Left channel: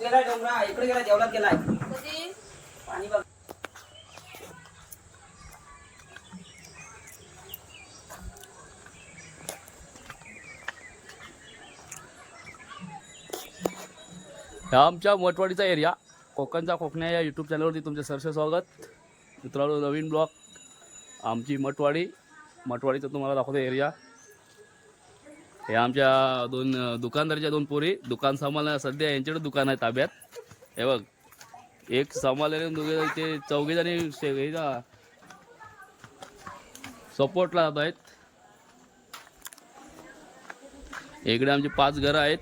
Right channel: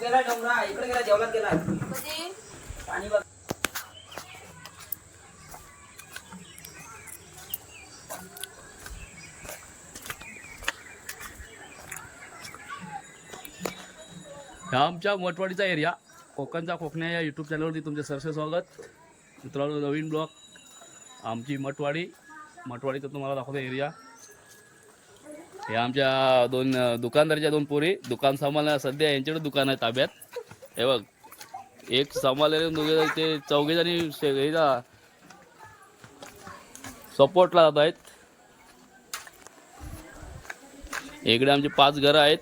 गेलाय डोंगरा इकडे जेवणात गेलाय. कधी? पाणी बघ. ह्या आमच्या मठवाडीचा एरिया कोकणचा कोकण्या या यूट्यूब चॅनलवरती तुमचे सरसे स्वागत. मित्रांनो नवीन ब्लॉग आमची मठवाडी मठवाडीचा तुम्हाला दाखवतो एरिया. हे आमच्या दोन दुकानदारच्या दोन पोरी दुकान सांभाळण्या सध्या यांच्याकडे दुकान आहे ताब्यात. हे बघ एक सांभाळलेले दोघे ते चौघे जणी सपोर्टला जात आहेत. इकडे आमचे पाच घरं आहेत.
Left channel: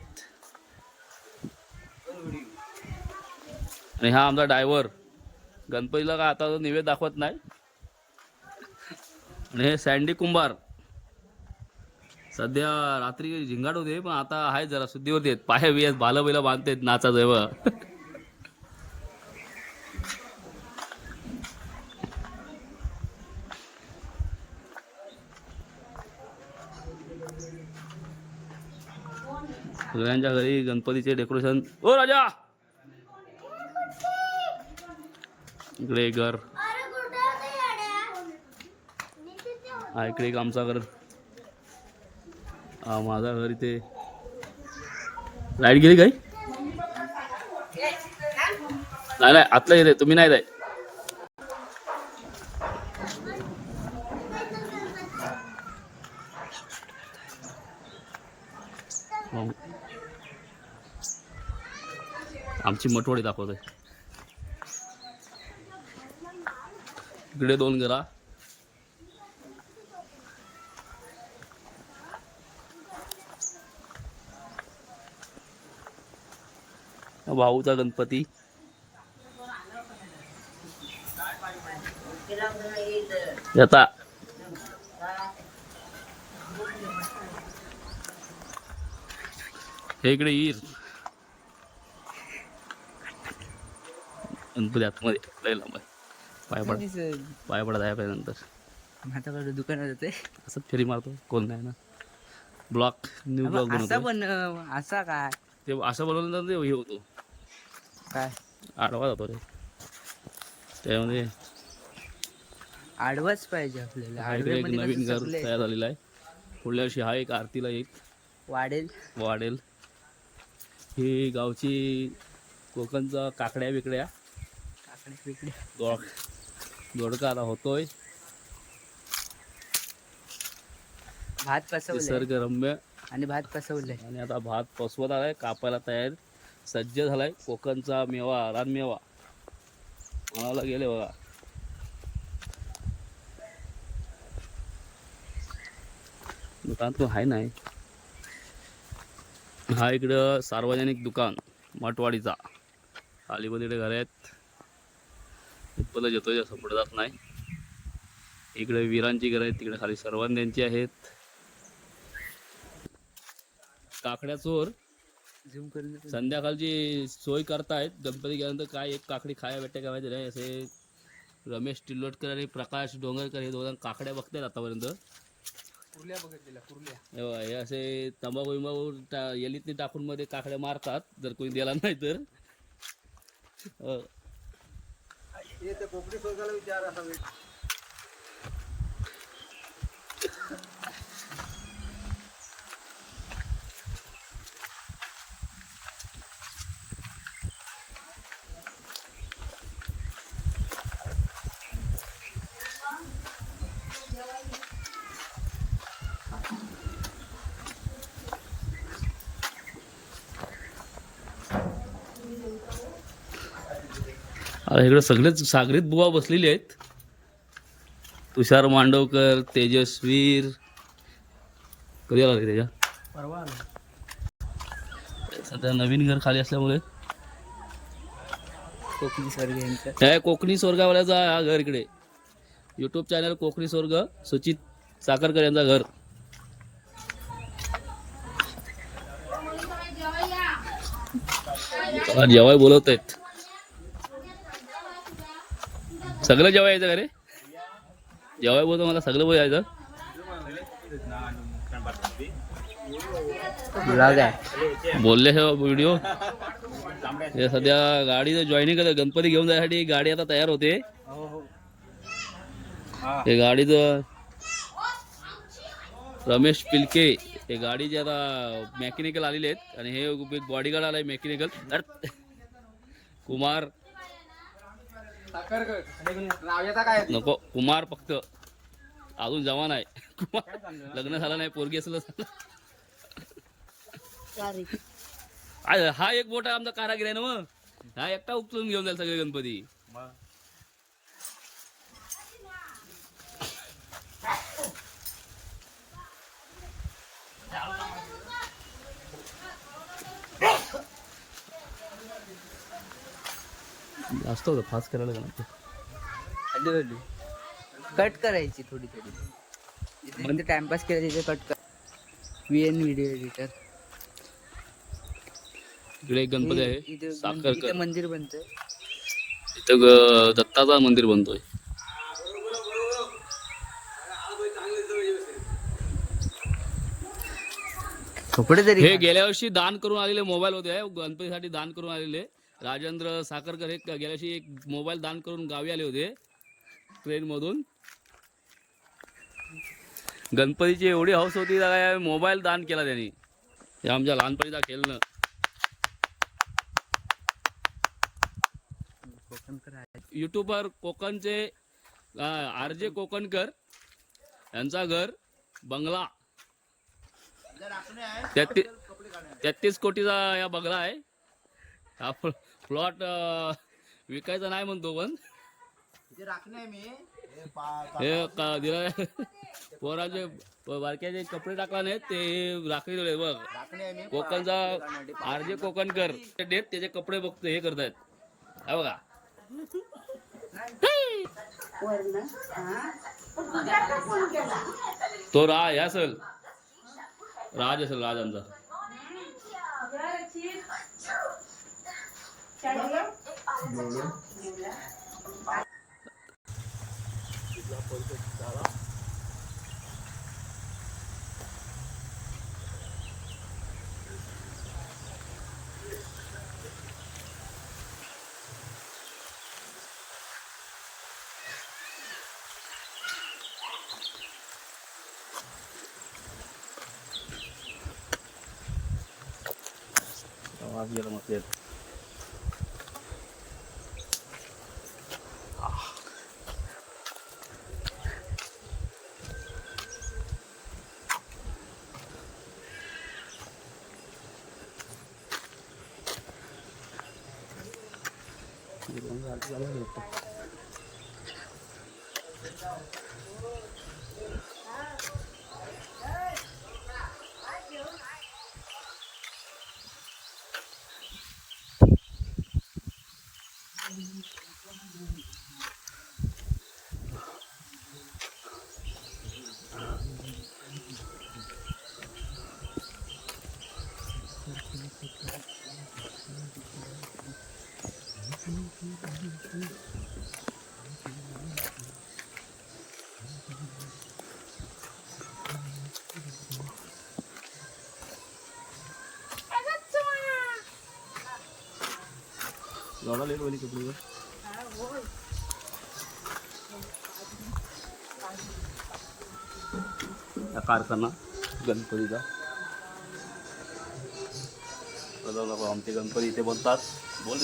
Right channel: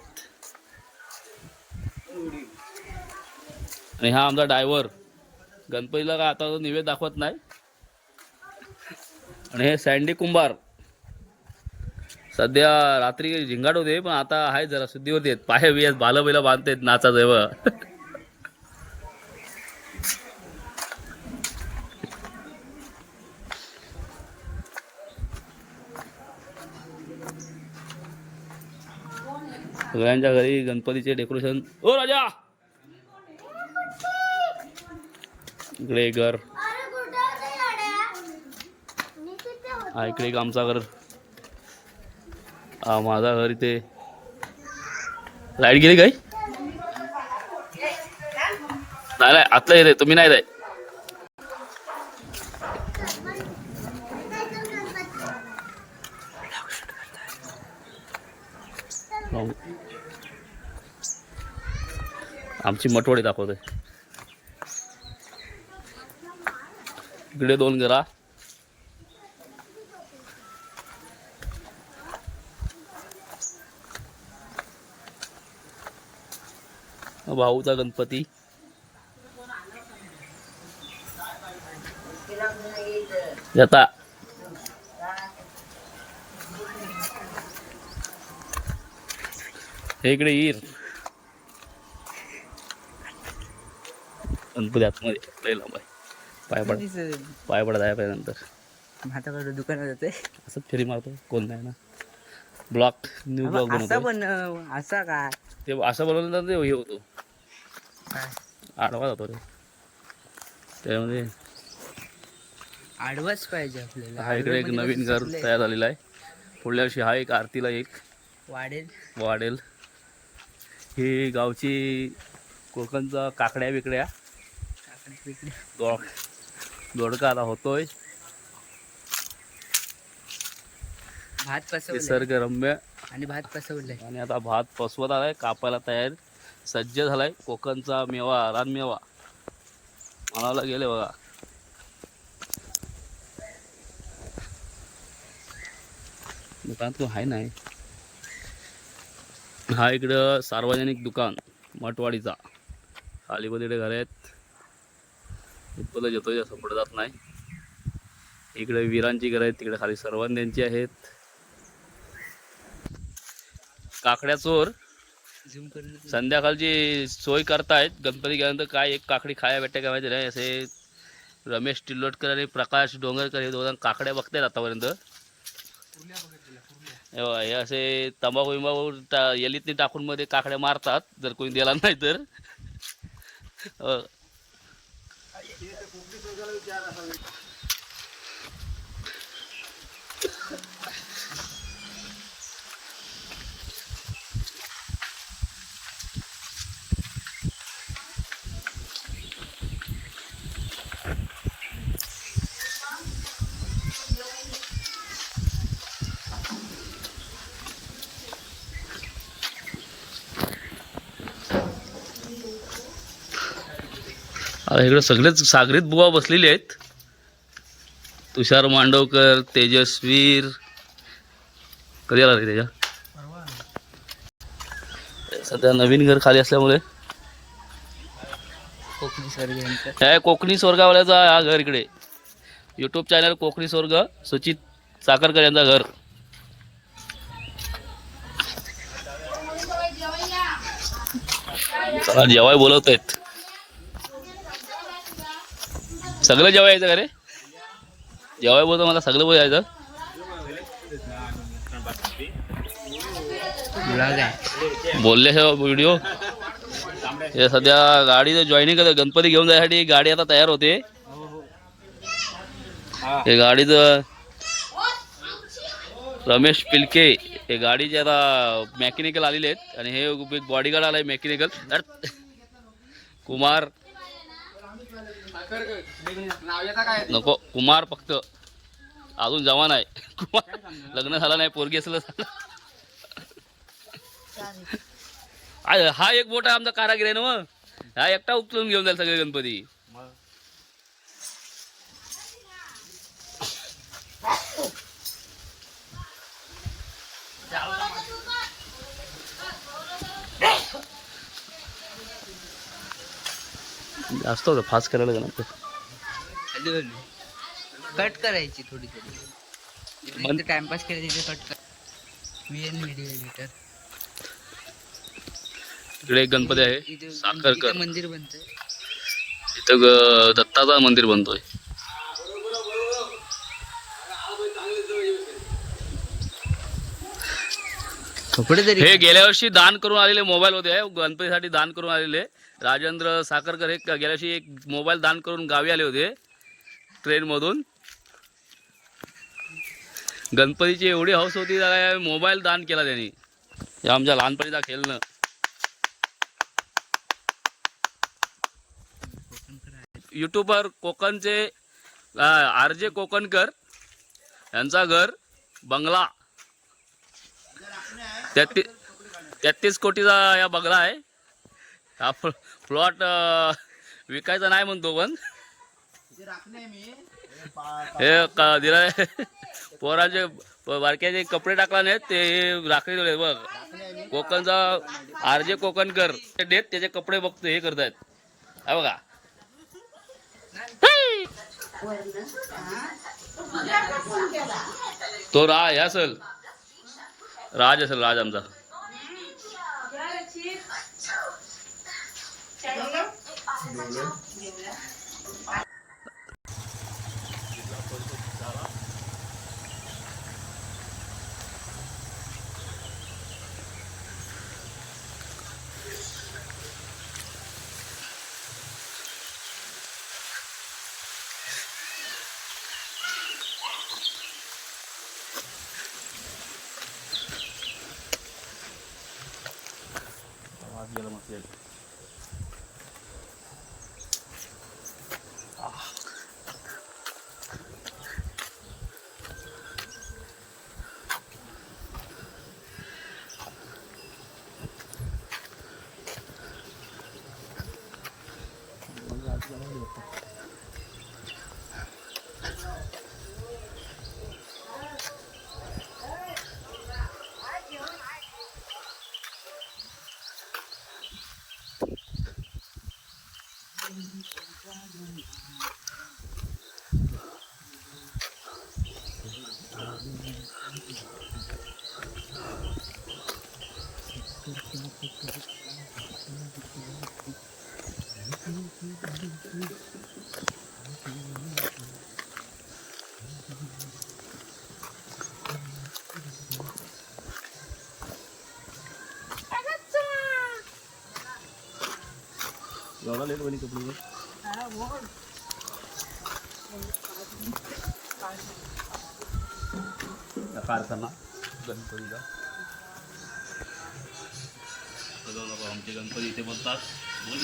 आणि हा आमचा डायव्हर गणपतीला काय आता निवेद दाखवत नाही. आणि हे सँडी कुंभार. सध्या रात्री झिंगाट होते पण आता आहे जरा शुद्धीवरती आहेत. पाय बियात बालं बिला बांधतायत नाचा जेव्हा सगळ्यांच्या घरी गणपतीचे डेकोरेशन. ओ राजा! इकडे घर. हा इकडे आमचा घर. माझा घर इथे. लाइट गेली काही नाही नाही आतला येते तुम्ही नाही जाय आमची मटवडी दाखवते इकडे दोन घरा. भाऊचा गणपती. येता हे इकडे येईल. गणपती आतमध्ये लांब आहे. पाय पड पाय पडत आहे पाहिजे नंतर माझ्याकडे दुकानात जाते. असंच फेरी मारतो कोण नाही ना. ब्लॉक न्यू ब्लॉक असा बनवतो पण असा काय? ते असं बनवलं ते हे होतो. काय? आडवा जातो रे. त्यामध्ये आडवाच पाहिजे आपल्याला. हा इकडे एक नवीन घर तयार झालेलं आहे. पुढल्या वर्षी हा एक आरतीला एक. वाढेल वाढेल ही गावची कोकणचा काकड्या बिकड्या. काकडे पिकडे. दोड दोडका आता होतोय. भात पसवलाय. निसर्गरम्य. आणि भात पसवलाय. आणि आता भात पसवत आलाय कापायला तयार. सज्ज झालाय. कोकणचा मेवा रानमेवा मनाला गेले बघा. दुकान तो आहे नाही. हा इकडं सार्वजनिक दुकान मठवाडीचा. खालीमध्ये घर आहेत. इथपर्यंत येतोय असं पुढे जात नाही. इकडे वीरांची घरं आहेत तिकडे खाली सर्वांद्यांची आहेत. काकड्या चोर. संध्याकाळची सोय करतायत. गणपती गेल्यानंतर काय एक काकडी खाया भेटते काय माहिती नाही. असे रमेश टिल्लोटकर आणि प्रकाश डोंगरकर हे दोघं काकड्या बघतायत आतापर्यंत. हे हे असे तंबाखू विंबाखू टा एलीतनी टाकून मध्ये काकड्या मारतात. जर कोणी दिला नाही तर. आता इकडे सगळेच सागरीत बुवा बसलेले आहेत. तुषार मांडवकर तेजस्वीर कधी आला रे त्याच्या सध्या नवीन घर खाली असल्यामुळे. कोकणी हे कोकणी स्वर्गावाल्याचा हा घर इकडे. यूट्यूब चॅनल कोकणी स्वर्ग सुचित साखरकर यांचा घर. चला जेवाय बोलवत आहेत सगळं जेवाय यायचं का रे? जेवाय बोलतो मला सगळं बोल यायचं. बोलले हे व्हिडिओ हे सध्या गाडी जॉईनिंग करत गणपती घेऊन जायसाठी गाडी आता तयार होते. हे गाडीचं रमेश पिलके हे गाडीचे आता मेकॅनिकल आलेले आहेत. आणि हे एक बॉडीगार्ड आलाय मेकॅनिकल कुमार. नको कुमार फक्त अजून जवान आहे. कुमार लग्न झालं नाही पोरगी असलं हा एक मोठा आमचा कारागीर आहे ना मग. हा एकटा उचलून घेऊन जाईल सगळे गणपती. जास्त होतं फास्ट करायला लागलं हॅलो हॅलो. कट करायची थोडी थोडी. टाइमपास करायची कट कर. व्ही एन व्हिडिओ एडिटर इकडे एक गणपती आहे. साखरकर. मंदिर बनतंय. इथं ग- दत्ताचा मंदिर बनतोय. हे गेल्या वर्षी दान करून आलेले मोबाईल होते गणपतीसाठी दान करून आलेले. राजेंद्र साखरकर हे गेल्याशी एक मोबाईल दान करून गावी आले होते. ट्रेनमधून. गणपतीची एवढी हौस होती त्या मोबाईल दान केला त्यांनी. हे आमच्या लहानपणीचा खेळणं. युट्यूबर कोकणचे आर जे कोकणकर यांचा घर बंगला. तेहतीस तेहतीस कोटीचा या बंगला आहे. आपण प्लॉट विकायचा नाही म्हणतो पण. हे क- दिला पोराचे बारक्याचे कपडे टाकला नाहीत ते ठेवले बघ. कोकणचा आर जे कोकणकर. ते देत त्याचे कपडे बघतो हे करतायत. हा बघा. तो रा हे असल. राज असेल राज आमचा. Cái 牛 lang dito. Thank you. एवढा लेट बनी कपडे कारखाना गणपतीचा चला नको आमचे गणपती इथे बोलतात बोल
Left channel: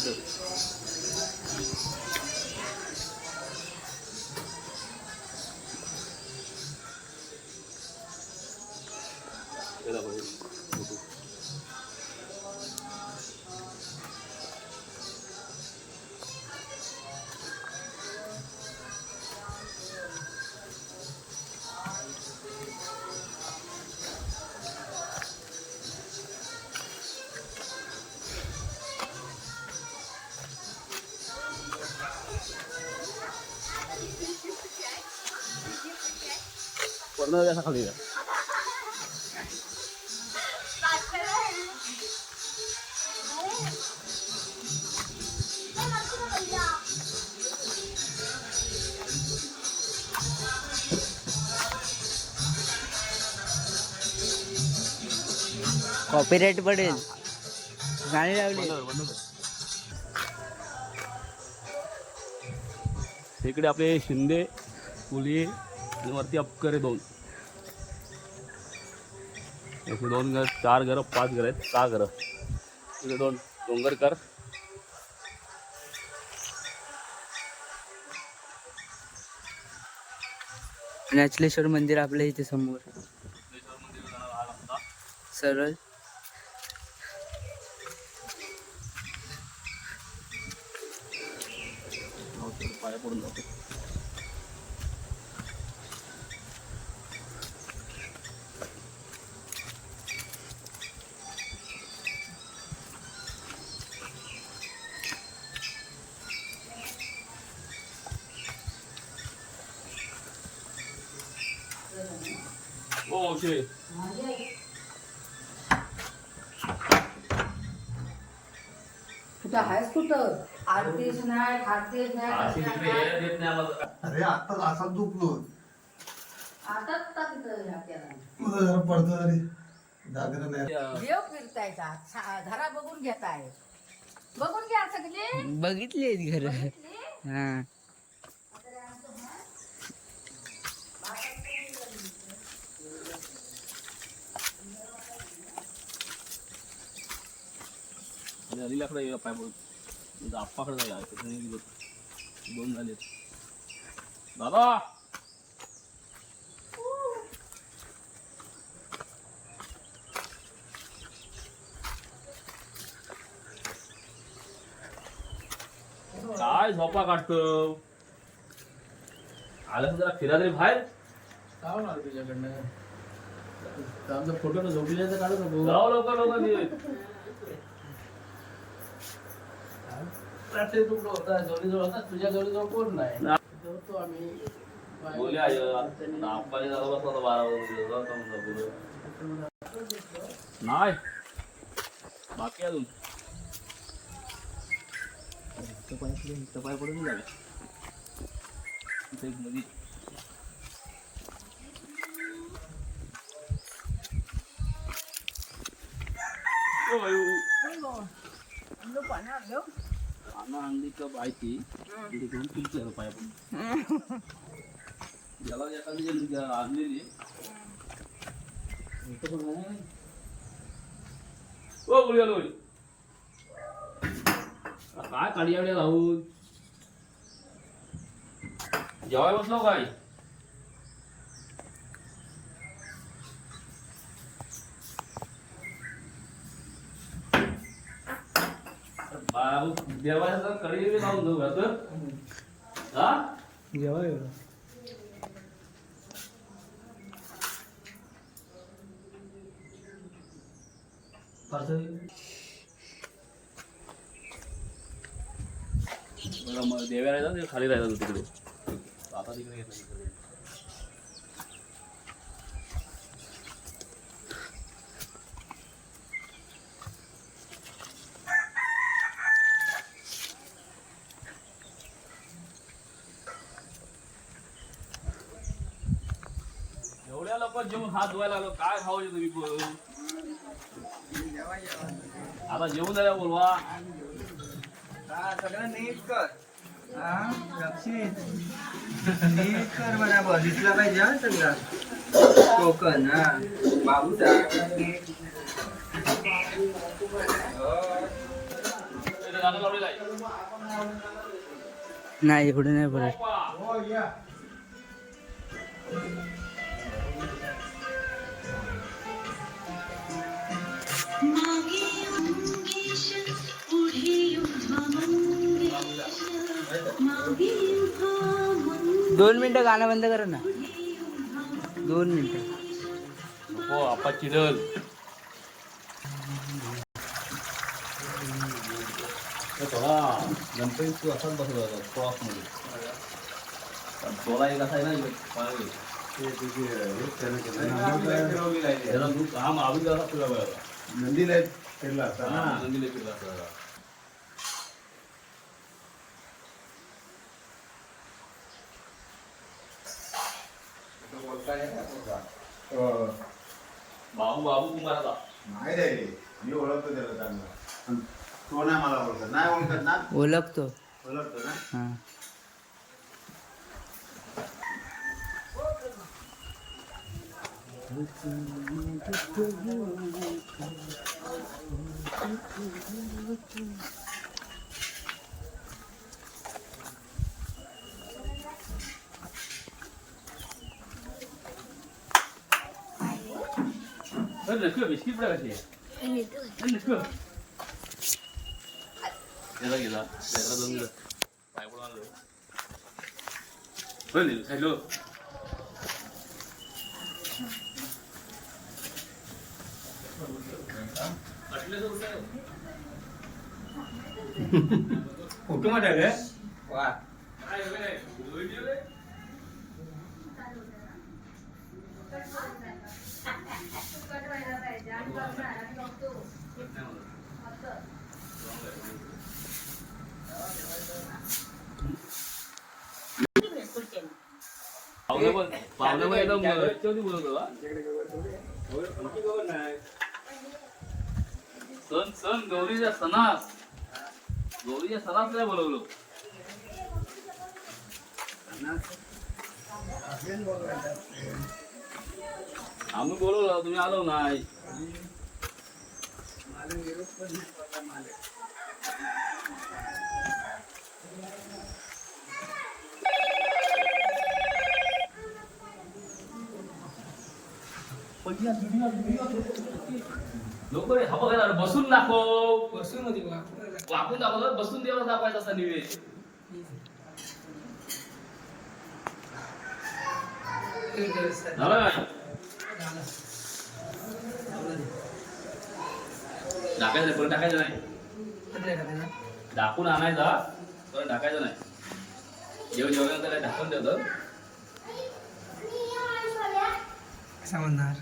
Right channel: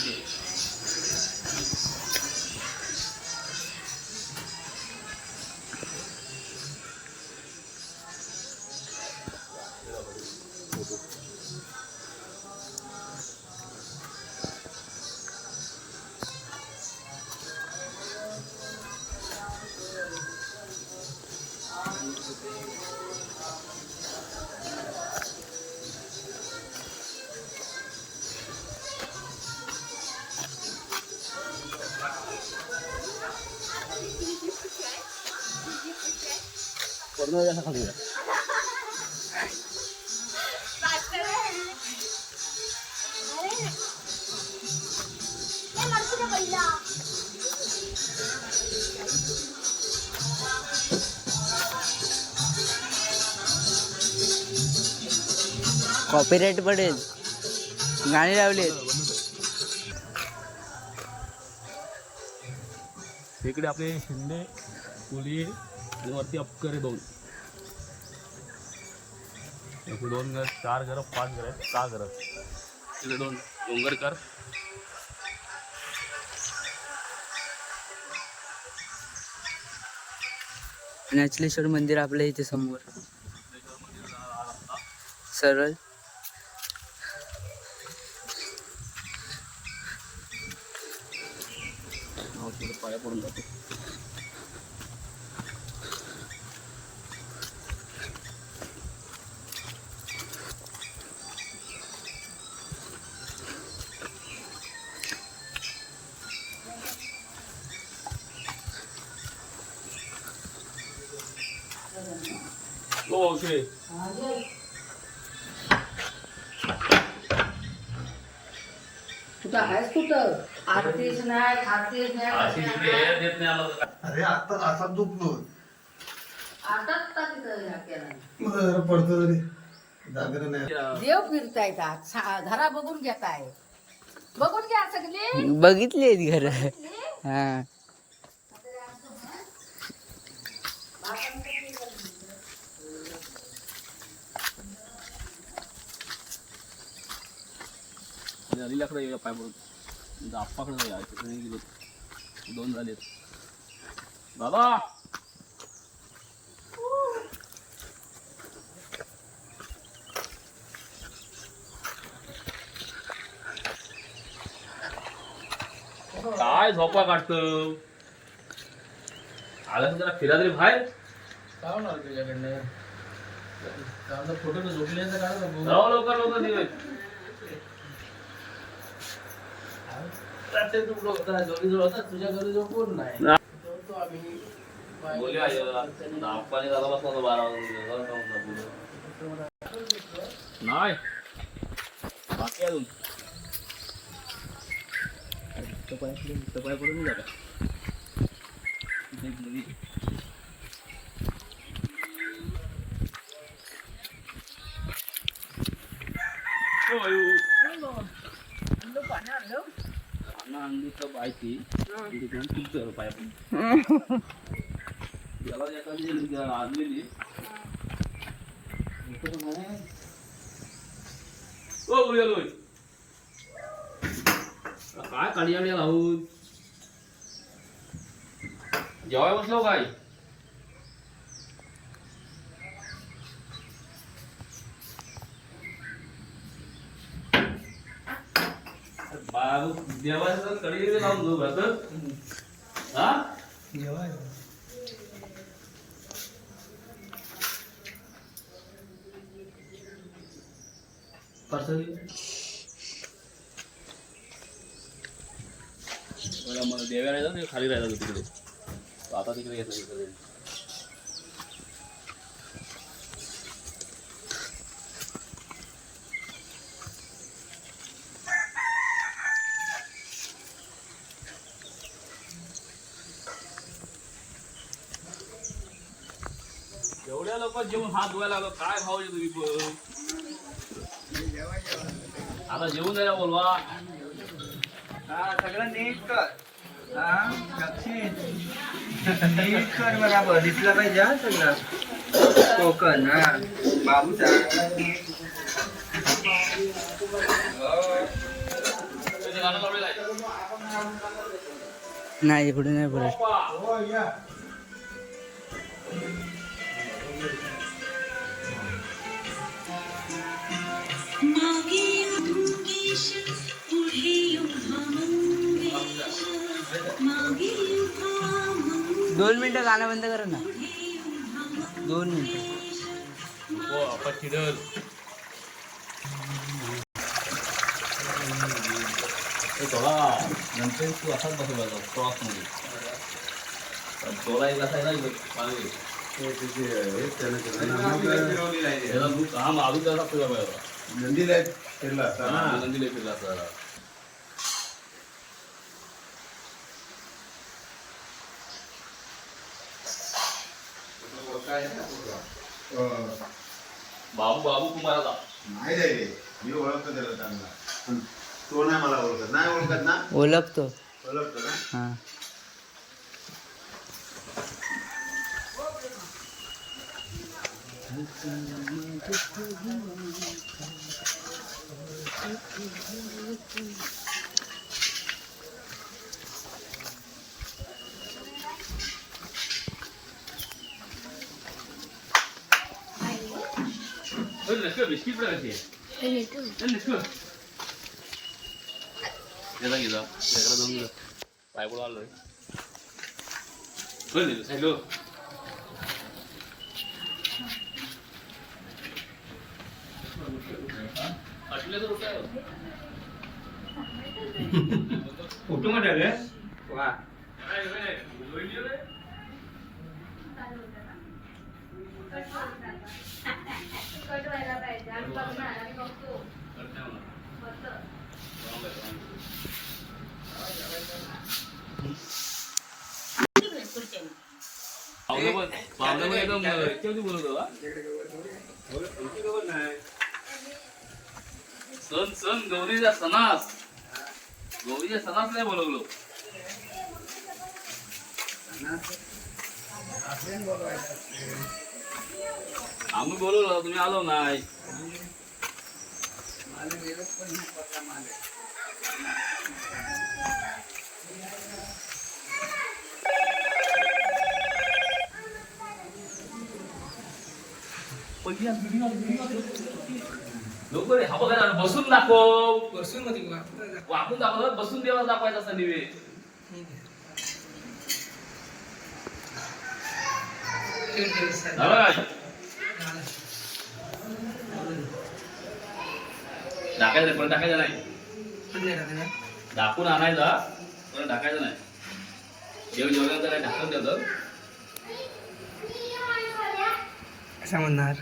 कर्ण असा खाली. कॉपीराईट पडेल. गाणी लावली इकडे आपले शिंदे कोलिये आणि वरती अपकरे दोन. इकडे दोन घर चार घरं पाच घरं आहेत सहा घरं. तिकडे दोन डोंगरकर कर. नॅचलेश्वर मंदिर आपल्या इथे समोर. सरळ हो, तिकडे पाया पडून जातो हो ओके कुठं आहेस कुठं आरतीच नाही खातीच अशी नाही तिकडे हे देत नाही आम्हाला अरे आता असा जरा पडतो तरी. नाही. देव फिरतायत आज. सा- घरा बघून घेताय. बघून घ्या सगळे. बघितली आहेत घर. हा. आणि अलिलाकडे येऊया पाय पडून. म्हणजे आप्पाकडे जाऊया. तिकडे गेलो. दोन झालेत. दादा! काय झोपा काढतो आलं जरा फिरा तरी बाहेर? जाऊ लवकर लवकर निघ. बोलूया आय. नागपाणी झाला बसला तो बारा वाजून गेलो. जाऊ आता म्हणलं बोलू. नाही बाकी अजून पाय पडून पाय पडून नाही जागा एक नदी आणली तर बायची तिथे घेऊन तुमचं पाया पण याला एखादी जण आणलेली ओ बोलूया लोय काय काळी आड्या लावून जेवाय बसलो काय देवाचं कडी लावून जाऊ घात हा? मग देव्या राहिला ना खाली राहिला तिकडे. आता तिकडे येत एवढ्या लोक जेवून हात धुवायला लागलो काय भाव आहे तुम्ही पण? आता जेवून जायला बोलवा. हा सगळं नीट कर. हा नीट कर बराबर. दिसलं पाहिजे हा सगळं. कोकण हा. बाबूचा नाही इकडे नाही बोलत दोन मिनिटं गाणं बंद करा ना. दोन मिनिटं. हो आपा चिडल थोडा गणपती तू असाच बसवायचा क्रॉसमध्ये. पण थोडा एक असा नाही त्याला तू काम अजून कसा फिरवा नंदीला फिरला असता ना नंदीला फिरला असता अं, बाबू बाबू तू मला जा. नाही रे मी ओळखतो त्याला चांगला. पण तो नाही मला ओळखत. नाही ओळखत ना? ओळखतो. ओळखतो ना? हा. गेला गेला लेकरा जाऊन गेला काय बोलून आलोय बरं नेलं सांगितलं फोटो मध्ये वा पाहुणे पण पाहुणे पण एकदम याच्यावरती बोलत होता सण सण गौरीच्या सणास गौरीच्या सणास नाही बोलवलो आम्ही बोलवलो तुम्ही आलो नाही. लोक बसून दाखव. बसून मध्ये दाखवलं बसून देवा दाखवायचा असता निवेश झालं काय टाकायचं नाही परत टाकायचं नाही. दाखवून आणायचा परत टाकायचं नाही. जेवण जेवल्यानंतर काय ढाकून ठेवतं. कसा म्हणणार?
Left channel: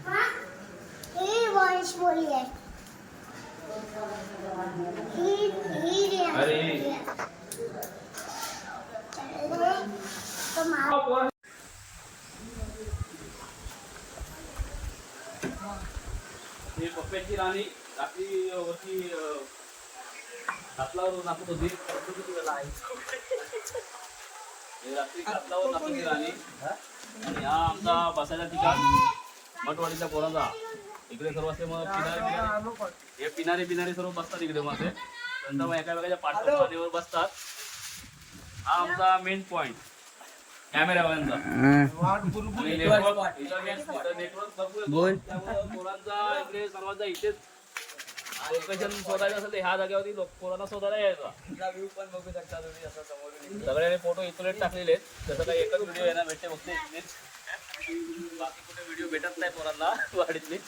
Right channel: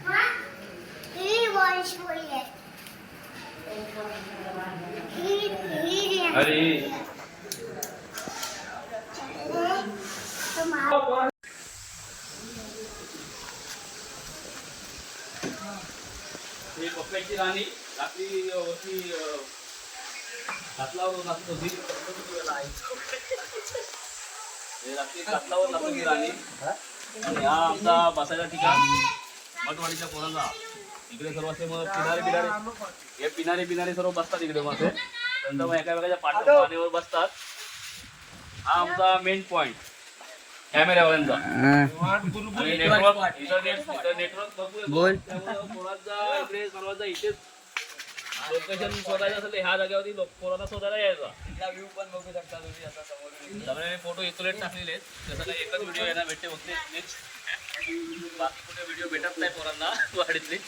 अरे. हे पक्ष्याची राणी. रात्री अं, वरती अं, हातलावर नाचत होती. हे रात्री हातलावर नाचत होती आणि हा आमचा बसायचा ठिकाण मठवाडीच्या पोरांचा. इकडे सर्व असे मग पिणारे पिणारे हे पिणारे पिणारे सर्व बसतात इकडे मग नंतर मग एका वेगळ्या पाठ पाण्यावर बसतात. हा आमचा मेन पॉइंट कॅमेऱ्यावाल्यांचा. आणि नेटवर्क नेटवर्क भरपूर पोरांचा इकडे सर्वांचा इथेच लोकेशन शोधायचं असेल तर ह्या जागेवरती लोक पोरांना शोधायला यायचा. व्ह्यू पण बघू शकता तुम्ही असं समोरून. सगळ्यांनी फोटो इथलेट टाकलेले आहेत. त्याचा काही एकच व्हिडिओ येणार भेटते फक्त बाकी कुठे व्हिडिओ भेटत नाही पोरांना वाडीतली.